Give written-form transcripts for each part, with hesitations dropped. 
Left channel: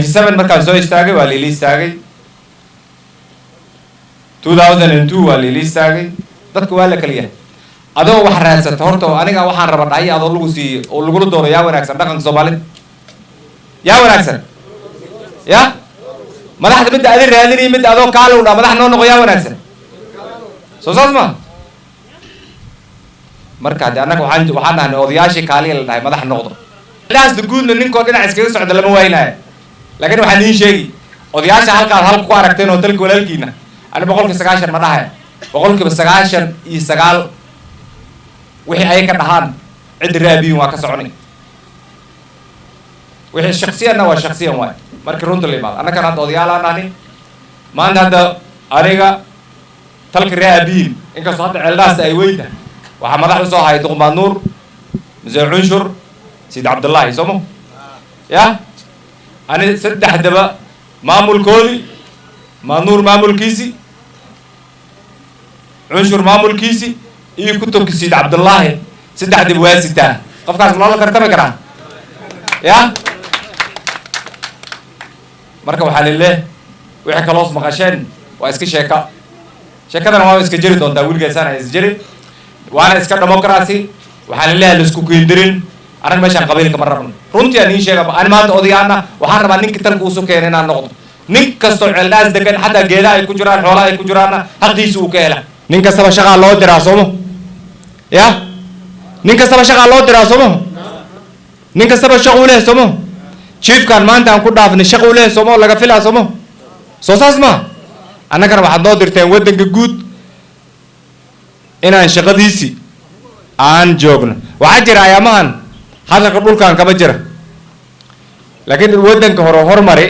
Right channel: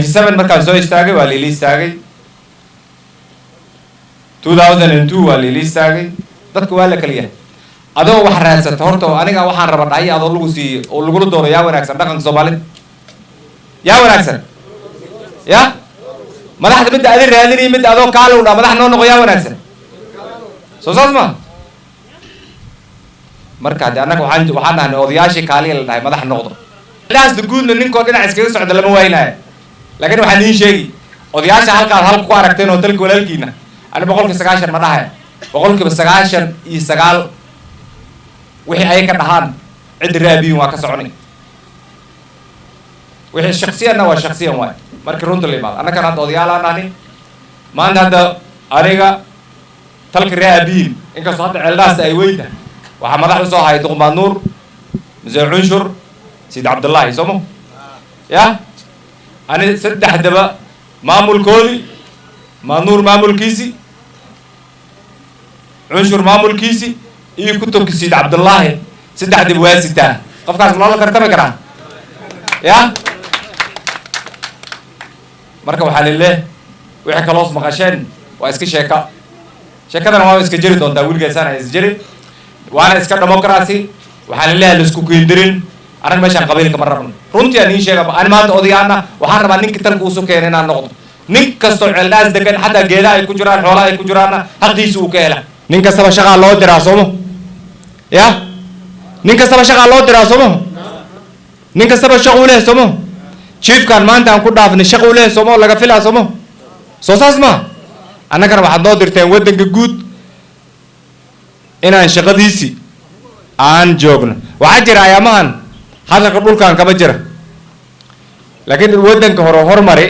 97 markaan soo istaagay waa liili istaagay 2002 waa liili istaagay dadku waa la kala yahay adoo wax raadsato horta aniga waxaan rabaa dhahay adoo lagu siiyo oo lagu dooro yaa wanaagsan dhaqanka Soomaalida yaa wanaagsan ya madaxda mid aad raadinay mid adoo kaalo u dhaa madax noo noqo yaa wanaagsan soo saasma marka hadda anaga waxaan nahay odayaashii kaaliya la dhahay madax noqdo ilaas duguudna ninkoo dhinac iskaga socda lama waynaayo laakiin waxaan idin sheegi odayaasha halkaas halka ku aragteen oo dalka walaalkiina ani 190 ma dhahay 99 wixii ay ka dhahaan cid raabiyin waa ka soconay wixii shakhsiyanna waa shakhsiyan waay markii runta la imaado annagana hadda odayaal aan nahay maanta hadda aniga talka raabiyin inkastoo hadda ceeldaasta ay weyda waxaa madax u soo hayay duqmaad nuur muse cunshur سيد عبد الله يسمو يا أنا سدح دبا مامول كولي ما نور مامول كيسي عنشر مامول كيسي إيه كتب سيد عبد الله سدح دبا واسطة قف كاس الله كرتمه كرا يا مركب حال الله وحكي خلاص مقاشين واسكي شيكا أنا ما اسكي جري دون داول جالسان اسجري وأنا اسكي ديمقراطي وحال الله لسكو كيندرين أنا ماشان قبيلك مرة رنتي أنا شيء أنا ما أودي أنا وحنا ما نك تلقوا سكين هنا نقطة نك كسر الناس دكان حتى جيدا يكجران حولا يكجرانا هذي سوكيلا نك كسر شغال الله دراسومه يا نك كسر شغال الله دراسومه نك كسر شغوله سومه شيف كان ما أنت أنكر دافن شغوله سومه لقى فيلا سومه سوساس ما أنا كان واحد نادر تين ودن جود إنا شغديسي عن جوجنا وعجر أيامان هذا قبول كان كبجرة لكن الودن كهرو مري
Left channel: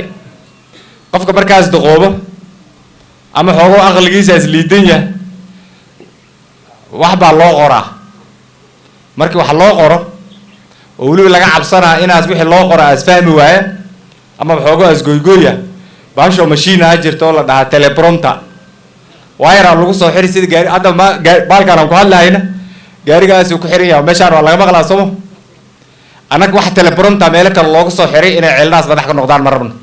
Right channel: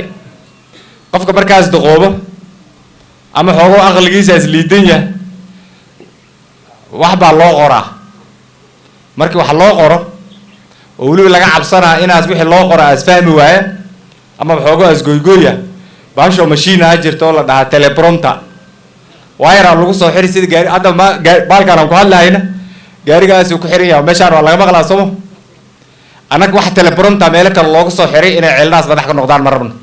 قف كبركاز دقوبة أما هو أغلى جيسة للدنيا واحد الله قرا مركي واحد الله قرا وقولوا لك عبصنا إن أسبح الله قرا أسفهم وعي أما هو أسجوجويا باشو ماشين أجر تولا ده تليبرونتا واير على لوكس وحري سيد جاري هذا ما بالكان أقول لا هنا جاري جالس يكحري أو مشار ولا ما خلاص سمو أنا واحد تليبرونتا مالك الله قصة حري إن الناس بدح كنقدان مربنا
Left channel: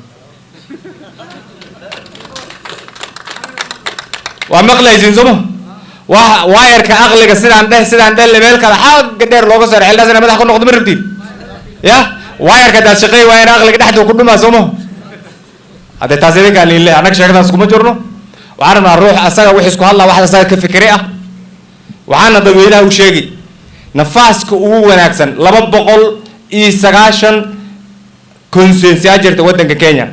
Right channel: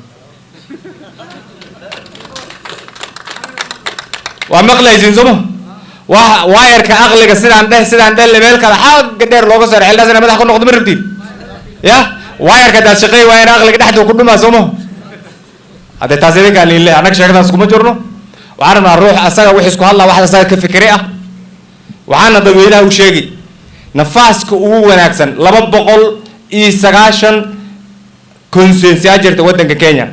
ومقلة يزنزمه واير كأغلى كسر عنده اللي مالك الحاج قدر الله قصة الناس أنا بدح كنقدان مربتي يا واير كده شقي واير أغلى كده حتى كل ما سمه هذا تازيك قال لي أنا كشغل ناس كم جرنو وعنا نروح أسرع وحسكوا الله واحد أسرع كفكرة وعنا ضوينا وشيء نفاسك وناكسن لما بقول إيساقاشن كونسنسي أجر تودن كينيا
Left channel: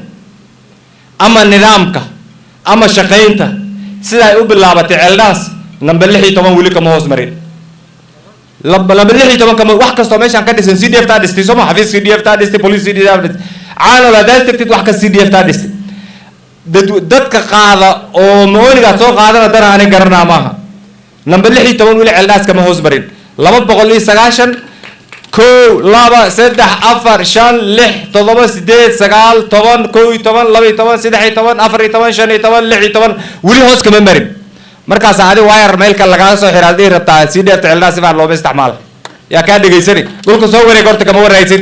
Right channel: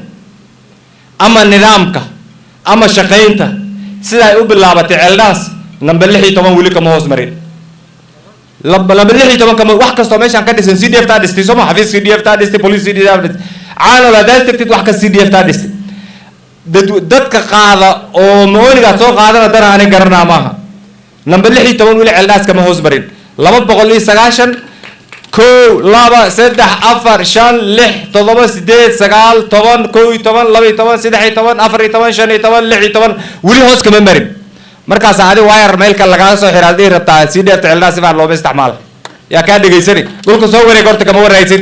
أما نظامك أما شقينتا سيدا يقول بالله بتعلناس نبلحي طبعا ولي كما هو زمرين نبلحي طبعا كما واحد كستوميشن كده سي دي اف تادستي سوما حفيظ سي دي اف تادستي بوليس سي دي اف تادستي عالو لا داستي تكتب واحد سي دي اف تادستي ددك قاعدة أو مولي سو قاعدة ترى أنا قرنا معها نبلحي طبعا ولي علناس كما هو زمرين لما بقول لي سقاشن كو لابا سدح أفر شان لح تضرب سديد سقال طبعا كوي طبعا لبي طبعا سدحي طبعا أفري طبعا شاني طبعا لحي طبعا ولي هوس كمان مريم مركز عادي واير ميلك اللي قاعد صحيح هذه ربطة سيدي تعلنا سبع لو بيستعمال يا كاد يجيسري دول كسوة ريكورد كمان ورا يصير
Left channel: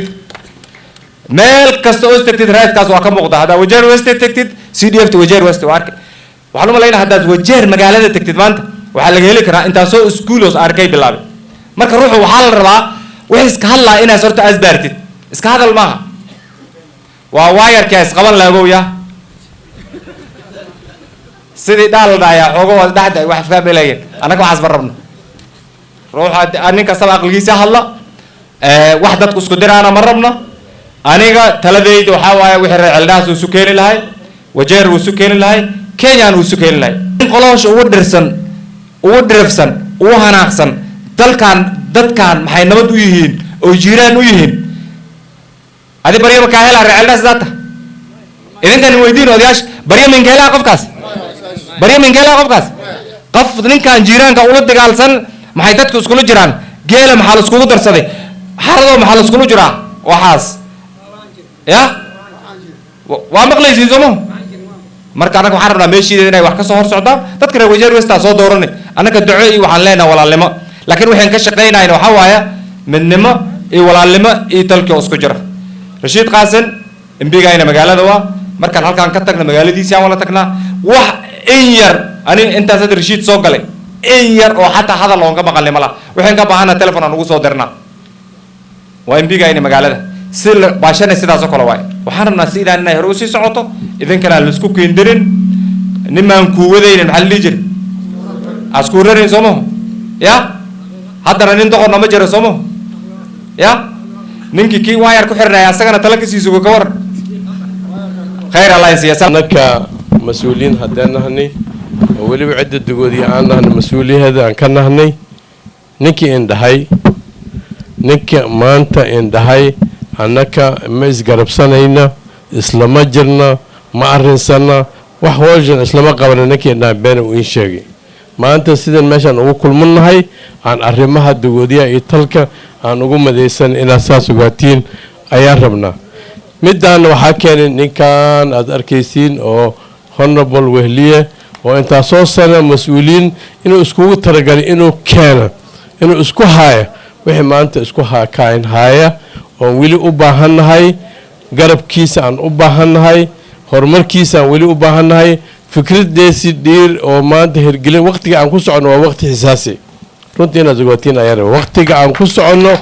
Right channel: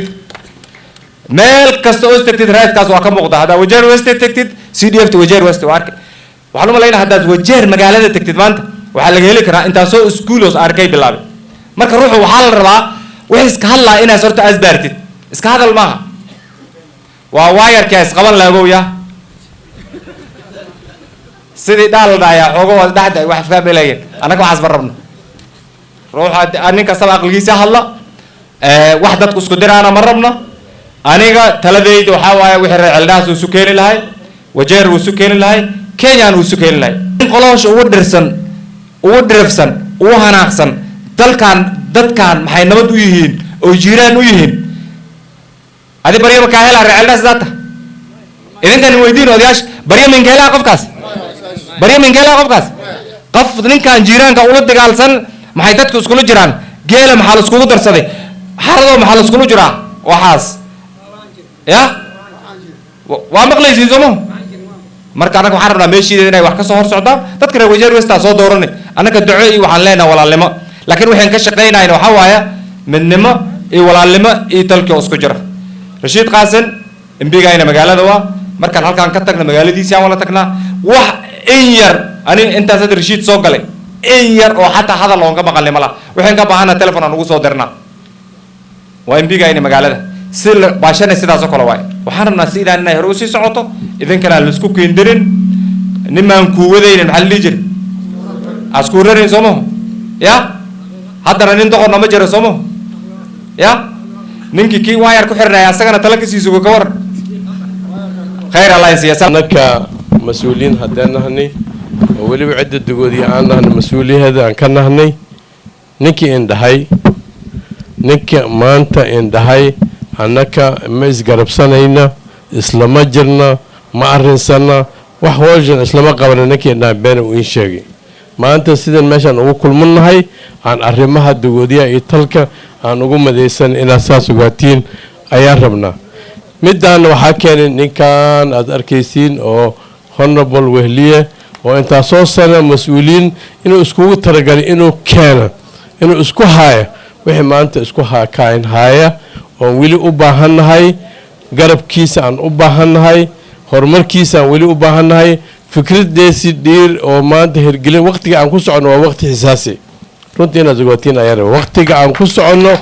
ميلك كسوة استكتد رايت كاس واقع مقطع هذا وجر وست تكتد سيدي اف توجر وست وارك وحلو ملاين هذا وجر مقالة تكتد مانت وحلقة لك را أنت سو سكولوس أركي بالله مركز روحه وحال الربا وإيش كهلا إنا صرت أزبرتت إيش كهذا الماء وواير كاس قبل لا أبويا سيدي دال دايا حقوق ده واحد فيها بلاين أنا كم حاسب ربنا روح أنا كسب أقلقي سهلا واحدة تسكدر أنا مربنا أنا كا ثلاثة وحوايا وحر الناس وسكين الهاي وجير وسكين الهاي كينيان وسكين الهاي خلاص ودرفسن وهناكسن دل كان محي نبض ويهين أو جيران ويهين هذه بريء مكاهلا الناس ذاته إذا كان ويدين ودياش بريء من كهلا قفكاس بريء من كهلا قفكاس قف ذن كان جيران كأولاد دجالسن محي تدك سكولو جيران جيل محل سكولو درسده حرضو محل سكولو جرا وحاس يا وامقلي زيزمو marka anaga waxaan rabnaa meeshii inay wax ka soo hor socdaan dadka reer wajeer westa soo dooranay anaga duco iyo waxaan leenahay walaalnimo laakiin waxaan ka shaqeynayna waxa waaya midnimo iyo walaalnimo iyo dalka isku jira Rashid Qaasin imbiga ina magaalada waa markaan halkaan ka tagna magaaladiisa aan wala tagnaa wax in yar ani intaas hadda Rashiid soo galay in yar oo xataa hadal loon ka maqalnay mala waxaan ka baahanaa telefoon aan ugu soo dirnaa waa imbiga ina magaalada si baashana sidaas oo kale waay waxaan rabnaa si ilaa inay hore u sii socoto idinkana la isku keendirin nimaan ku wadaynin maxaa la jiri asku rarin somo ya haddana nin doqorna ma jiro somo ya ninkii kii waayar ku xirnay asagana tala ka siiso ka war khayr allah siyaasad naka mas'uuliin haddaan nahnay waliba cidda dugoodii aan nahnay mas'uuliyada aan ka nahnay ninkii indhahay ninka maanta indhahay annaka ma isgarabsanayna islama jirna ma arrinsana wax hawshan islama qabana ninkii indhahay been uu in sheegay maanta sidan meeshaan ugu kulmannahay aan arrimaha dugoodiyaha iyo talka aan ugu madaysan inaad saas ogaatiin ayaan rabnaa middaana waxaa keenay ninkan aad arkaysiin oo honorable wehliye oo intaa soo sana mas-uuliyiin inuu iskugu talagalay inuu keena inuu isku haaya wixii maanta isku kaain haaya oon weli u baahannahay garabkiisa aan u baahannahay horumarkiisa aan weli u baahannahay fikraddeesi dhiir oo maanta hirgelin waqtiga aan ku soconno waa waqti xisaasi runtii inaad ogaatiin ayaan rabaa waqtiga aan ku soconno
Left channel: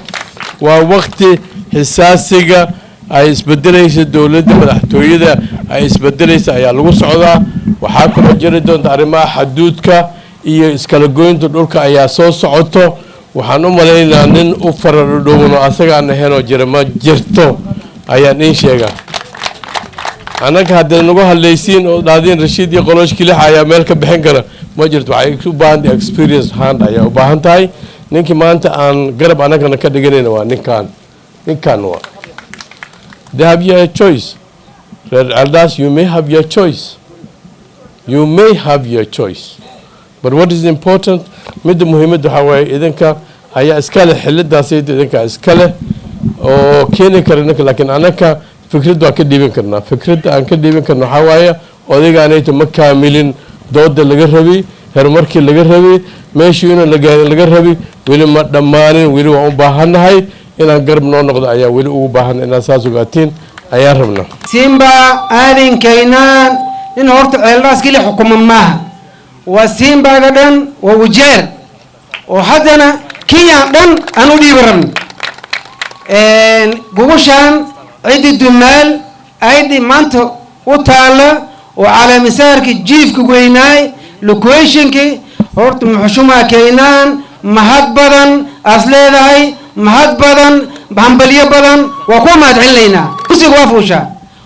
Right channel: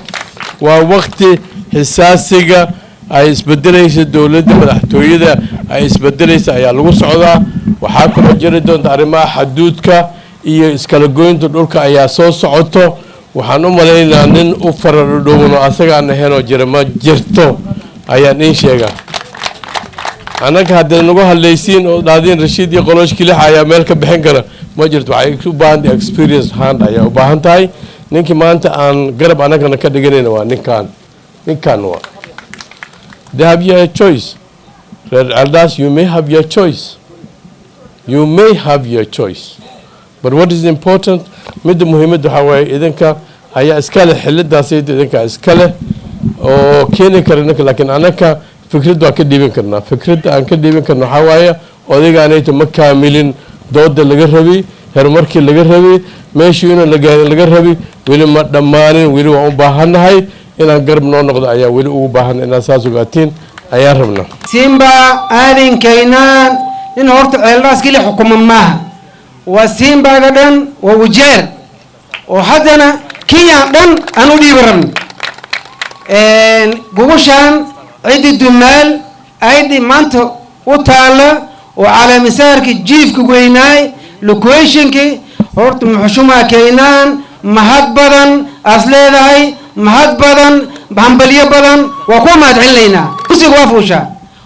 waa waqti xisaasiga ay isbedelaysa dowladda madaxtooyada ay isbedelaysa ayaa lagu socdaa waxaa kaloo jiri doonta arrimaha xaduudka iyo iskala goynta dhulka ayaa soo socoto waxaan u malaynayaa nin u faradhodhowno asaga aan ahaynoo jira ma jirto ayaan iin sheegaa annaga haddaad nagu hadlaysiin oo dhahdiin Rashiid iyo qoloosh kilixa ayaa meel ka bixin kara ma jirto waxay u baahan tahay experience hand ayaa u baahan tahay ninkii maanta aan garab annagana ka dhiganayna waa ninkan waa they have your choice Red Elders you may have your choice but what is important midda muhiimadda waxaa waaye idinka ayaa iska leh xillidaasayda idinka iska leh oo keeni kara ninka laakiin annaka fikradda waan ka dhiibin karnaa fikradda aan ka dhiibin karna waxaa waaye odaygaanayto ma kaamilin dooda laga rabi horumarkii laga rabi meeshii inuu laga rabi weli ma dhammaanin weli waan u baahannahay inaan garab noo noqdo ayaa weli ugu baahan inaad saas ogaatiin ayaan rabnaa simba aadinkaynaan in horta ceeldhaas keli xukuma maaha waa simbaga dhan waa wajeer oo haddana kiyaan dhan aan u dhiibi rabno gugushaan ciddi dumaal aydhi maanta u taalla oo calaamisaarkii jiifka weynaay locationkii horta muxushumaa kaynaan mahad badan aas leedahay mahad badan hambalyo badan waa kuwa mahad celinaynaa kursiga waa fuushaa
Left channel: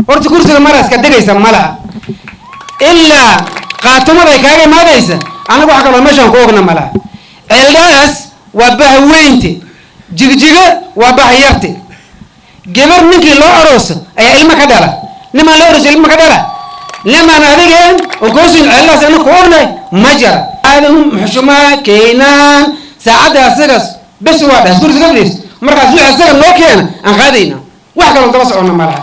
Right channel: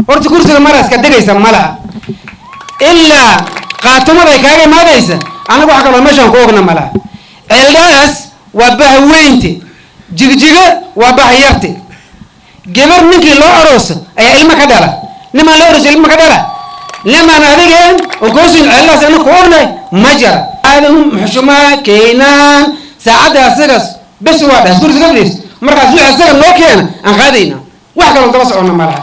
horta kursiga maraaska degaysa malaha ilaa qaatumada ay kaaga imaadaysa annaga waxa kaloo meeshaan ku ogna malaha ceeldhaas waa bahaweynte jigjiga waa bahayarte gabar ninkii loo aroosa ayaa ilmo ka dhala nimaan loo aroosa ilmo ka dhala nimaan adigeen oo koosin ceeldhaas ana ku ognay ma jara aadan muxushumaa kaynaan saacadda asagaas bes waa dhaas kursiga fadhiis markaas wixii asaga noo keena aan qaadayna wax kaloo daba soconna malaha